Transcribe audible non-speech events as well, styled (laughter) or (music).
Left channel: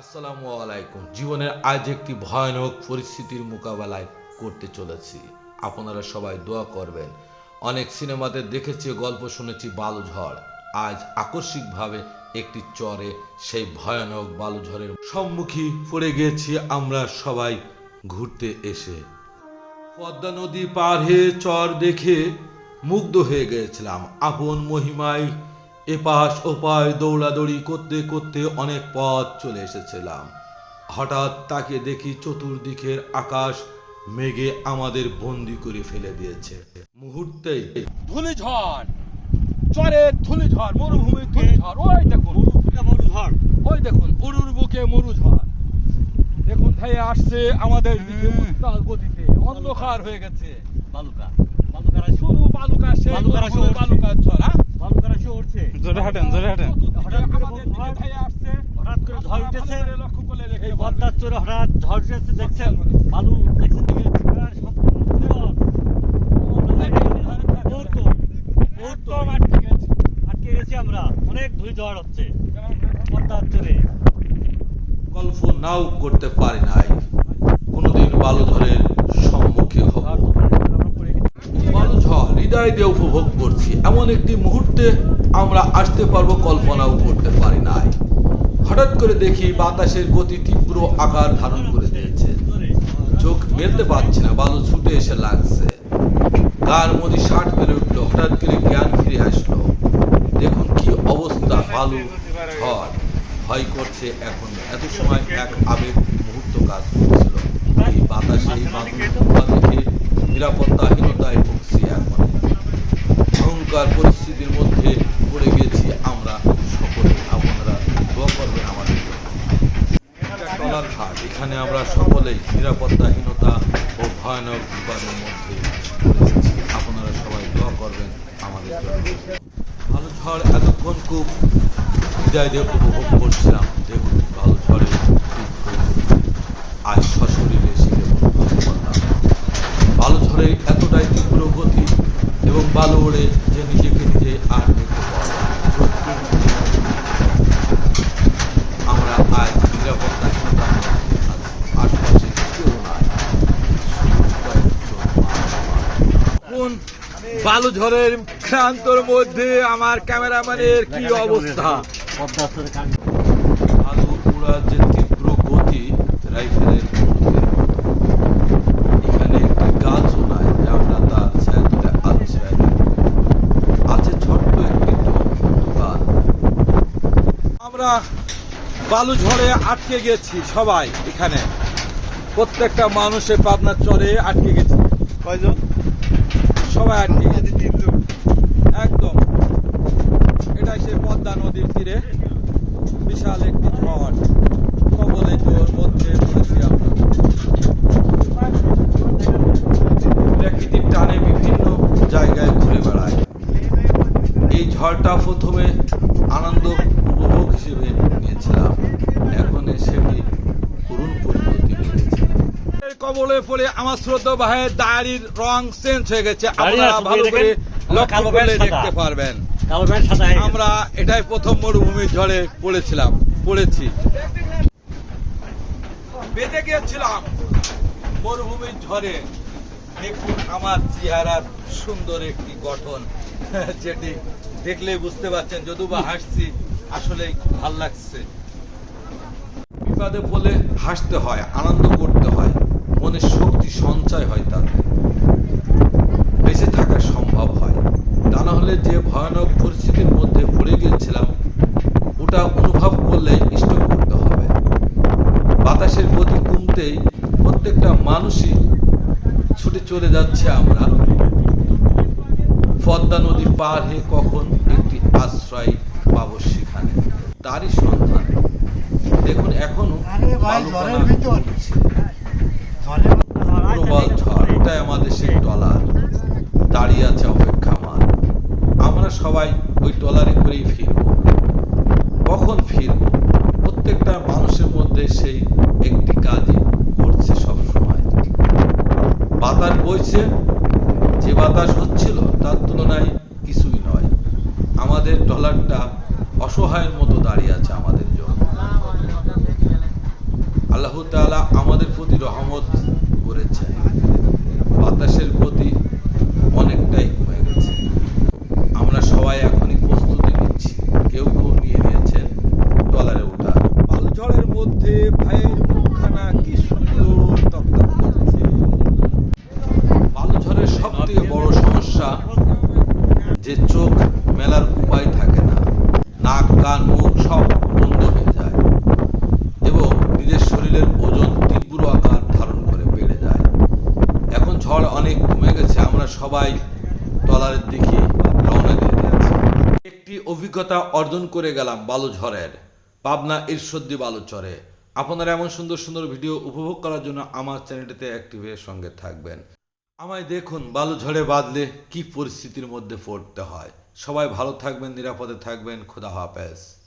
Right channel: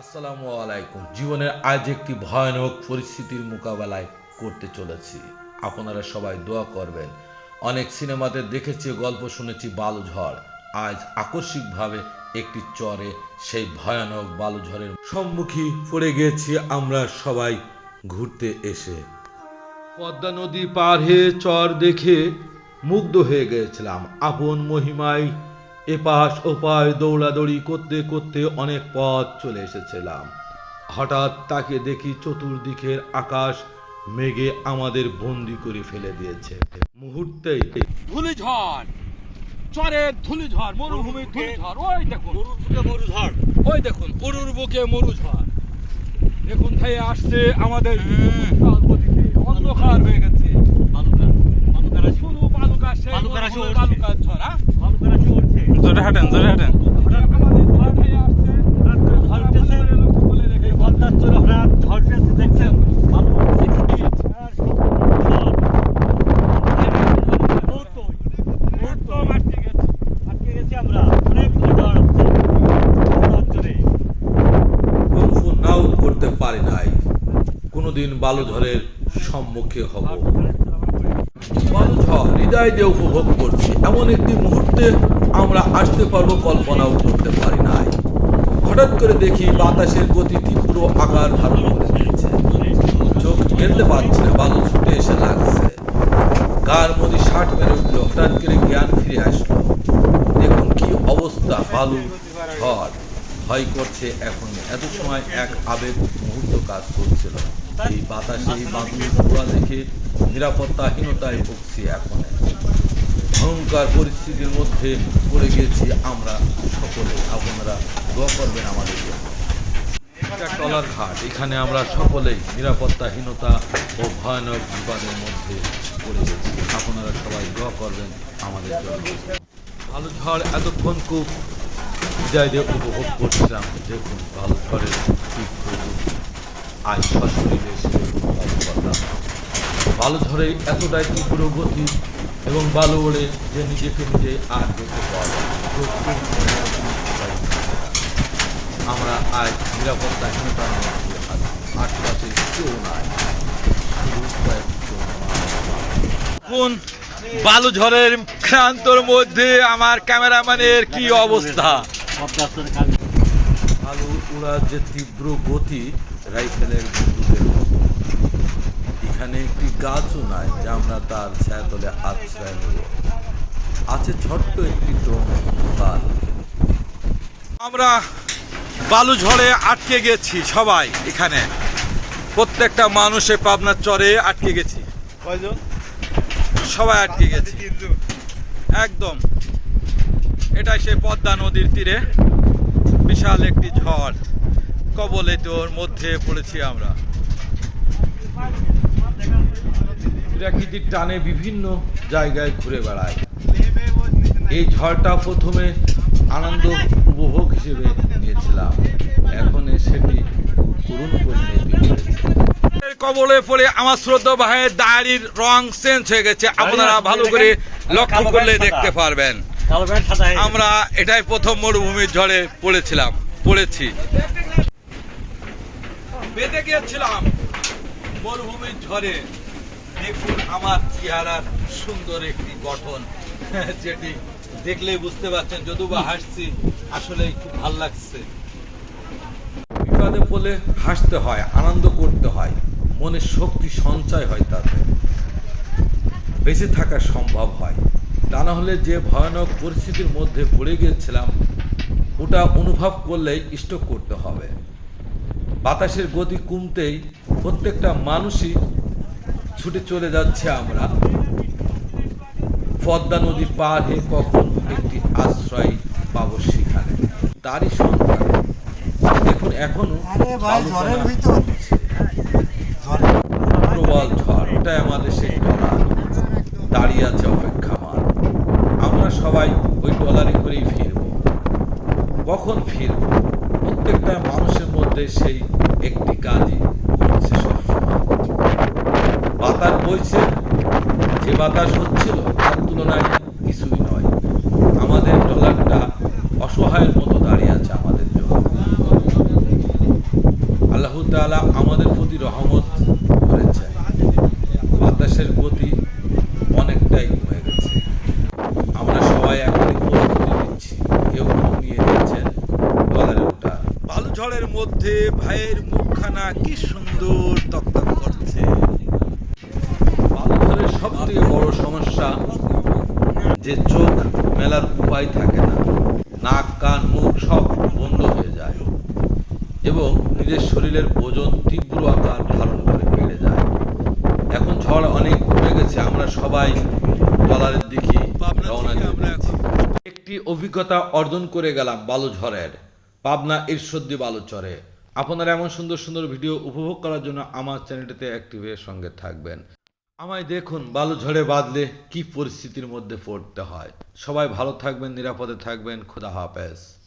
আসসালামু আলাইকুম। জীবনের আজ একটি ভয়ানক পরিস্থিতির মোকাবেলায় করতে চলেছি। আপনারা সবাই দোয়া করবেন। অনেক সিনেমাতে দেখেছি, গল্প শুনেছি, বালুঝড়। আজ আকস্মিকভাবে একটি চরে সেই ভয়ানক বালুঝড়ের সম্মুখী পড়ে গিয়েছি আমরা সবাই ঘুরতে এসে। পদ্মা নদী পার হয়ে চর দেখে মুগ্ধ হয়ে গিয়েছিলাম আপন মহিমায় এপাশ ওপাশ দৌড়াদৌড়ি করতে করতে অনেক পথ চলে এসেছিলাম। হঠাৎ তাকে দেখি চতুর্দিকের আকাশ মেঘে আমাদের বন্দি করে ফেলে দিয়েছে। মুহূর্তেই ধুলিঝড়! চরে ধুলিঝড় মরুভূমি ধুলিঝড় ওই দেখুন। ওই দেখুন উরুর বুকে মরুঝড়। দেখুন ভাই আসছে আমাদের গতিতে অন্ধকার হয়ে গেছে। শুধু বালুকা সেই বালুকারা সে উঠছে। ঝড় হ্যাঁ? হাঁটেন, জোরে হাঁটেন। দেখছেন মুহূর্ত আটকে গেছি আমরা অনেক হচ্ছে নাও করতে পারি নাই। কোনোদিন বালুঝড়ের সম্মুখে হব। বালুঝড় হৃদয় দিয়ে উপভোগ করছি। এমন একটি মুহূর্তে আমরা আসতে পারব, কল্পনাও করতে পারি নাই। হঠাৎ করে দেখি বাতাসের গতি তীব্র আকার ধারণ করে দিয়েছে। চোখ মেলতে পারছে না, বালু ছুটে এসে লাগছে। গার মধ্যে ষাট মেরে উঠল, হঠাৎ করে জ্ঞান ফিরে আসলো। দেখুন কি অবস্থা, বালু, ঝড়। ভয় করছে এখন, এত সময় এক আবেগ মুহূর্ত কাজ করছিল। এই বাতাসে, এই বাদুর ধোঁয়া দেখে নিরাপত্তাহীনতায় ভুগছি এখন। ভয়ঙ্কর পরিস্থিতির মধ্যে পড়ে গিয়েছি আমরা সকলে, আপনারা দোয়া করবেন আমাদের জন্য। এটা টলার ঘাট। এখানে আমরা সকলেই নিরাপত্তাহীনতা ও ভয়ানক বিপদের মধ্যে পড়ে গেছি আপনারা সবাই দোয়া করবেন আমাদের জন্য। ভালো ঝড় এতক্ষণ খুব হৃদয় দিয়ে উপভোগ করছিলাম। দেখুন, ভালো ঝড়ের। আজ সশরীরে এসে বালু ঝড়ে এতটাই তীব্র গতি এবং বালু ওড়ে যে নিজেকে নিজে আর দেখতে পাওয়া যায় আমরা আজ নিরাপত্তাহীনতার। আশপাশে কেউ নাই। কোন বালু ঝড়ের ক্রান্তর মধ্যে আমার ক্যামেরাম্যানের কি অবস্থা আলু উড়ার যে তীব্র গতি রাইফেলের এখানে একটি গাছও নাই যে আমরা তার ছায়াতে আশ্রয়। আছে ছোট্ট একটি দোকান। আমরা বালু ঝড়ে আটকে গেছি সবাই এখানে। প্রত্যেকটা মানুষে পাবনার চরে আটকে গেছি। সবাই আটকে গেছি। একদম। এটাই সেই পদ্মা নদীর তীরে বিশাল একটি ঝড়। কবলে তোর মধ্যে পড়েছি আমরা। প্রাকৃতিক টানে বিভিন্ন জায়গায় ঘুরে বেড়ায়। এই ঝড়টা প্রথমে আনন্দ উপভোগ হিসেবে নিয়েছিলাম। এখন সেটি করুণ পরিণতি হয়েছে কবলে পড়ে আমার শ্রদ্ধা ভাইয়ের দাড়ির রং চেঞ্জ হয়ে গেছে। আপনারা ভালো করে লক্ষ্য করলে দেখতে পারবেন। আমরা এটাই প্রথম মরুভূমির ঝড়ে পড়েছিলাম পড়েছি। বেঁধে গিয়েছিলাম। মরুভূমির ঝড়ে। দেখুন আমার চেহারার সুন্দর একটি গঠন। (laughs) যেটি দেখলে বুঝতে পারছেন, যদিও বা হাসছি আসলে খুব ভালো লাগছে। বিপদে পড়লে হাসতে হয়, আনন্দ করতে হয়, মনে শক্তি সঞ্চয় হয় তাতে। বেঁচে থাকা সম্ভব হয়। তা না হলে যে ভয়ানক পরিস্থিতির মধ্যে পড়ে গিয়েছিলাম, ওটা অনুভব করতে হবে বাতাসের গতি কমতেই প্রত্যেকটা মানুষই ছুটে চলে যাচ্ছে আমরা। পদ্মা নদী পার হয়ে কখন একটি আশ্রয় পাবো সেখানে? তারই সন্ধান। দেখুন এখনও। প্রবল ঝড় এটাই আমাদের সেই টলার। দাঁড়িয়ে আছে অপেক্ষা অপেক্ষামান আমরা সবাই ওই টলারে করেই ফিরব। কখন ফিরব? প্রত্যেকটা মানুষের মধ্যে সেই একটি কাজই করছে সবসময়। বাতাস বইছে, যে বাতাস হচ্ছিল তার তুলনায় কিছুই নয়। আমাদের টলারটা অসহায়ের মতো দাঁড়িয়ে আছে আমাদের জন্য। তাআলা আমাদের প্রতি রহমত করেছেন। বাতাসের গতি অনেকটাই কমে গেছে। আমরা সবাই এখনই প্রস্তুতি নিচ্ছি। কেউ কেউ নিয়ে নিয়েছেন ডলারে ওঠার বালু ঝড়ের মধ্যে ভাইয়ের মুখখানা কি সুন্দর তকতক করছে। ঝড়ের সব থেকে বড় সমস্যা যে চোখ মেলার উপায় থাকে না। নাক, কান, মুখ সব বন্ধ হয়ে যায় এবং নিজের শরীরের ওজন তীব্র আকার ধারণ করে বেড়ে যায়। এখন ঝড় অনেক কমে গেছে, আমরা সবাই ডলারের দিকে রওনা দিয়ে একটি অভিজ্ঞতা অর্জন করে গেলাম বালু ঝড়ের পাবনা ঈশ্বরদী বালুচরে আপনারা এমন সুন্দর সুন্দর ভিডিও উপভোগ করার জন্য আমার চ্যানেলটিতে অ্যাক্টিভের সঙ্গে থাকবেন। আমায় দেখুন, বালু ঝড়ে বাঁধলে কি পরিস্থিতির মধ্যে পড়তে হয়। সবাই ভালো থাকবেন, নিরাপদে থাকবেন, খুদা হাফেজ।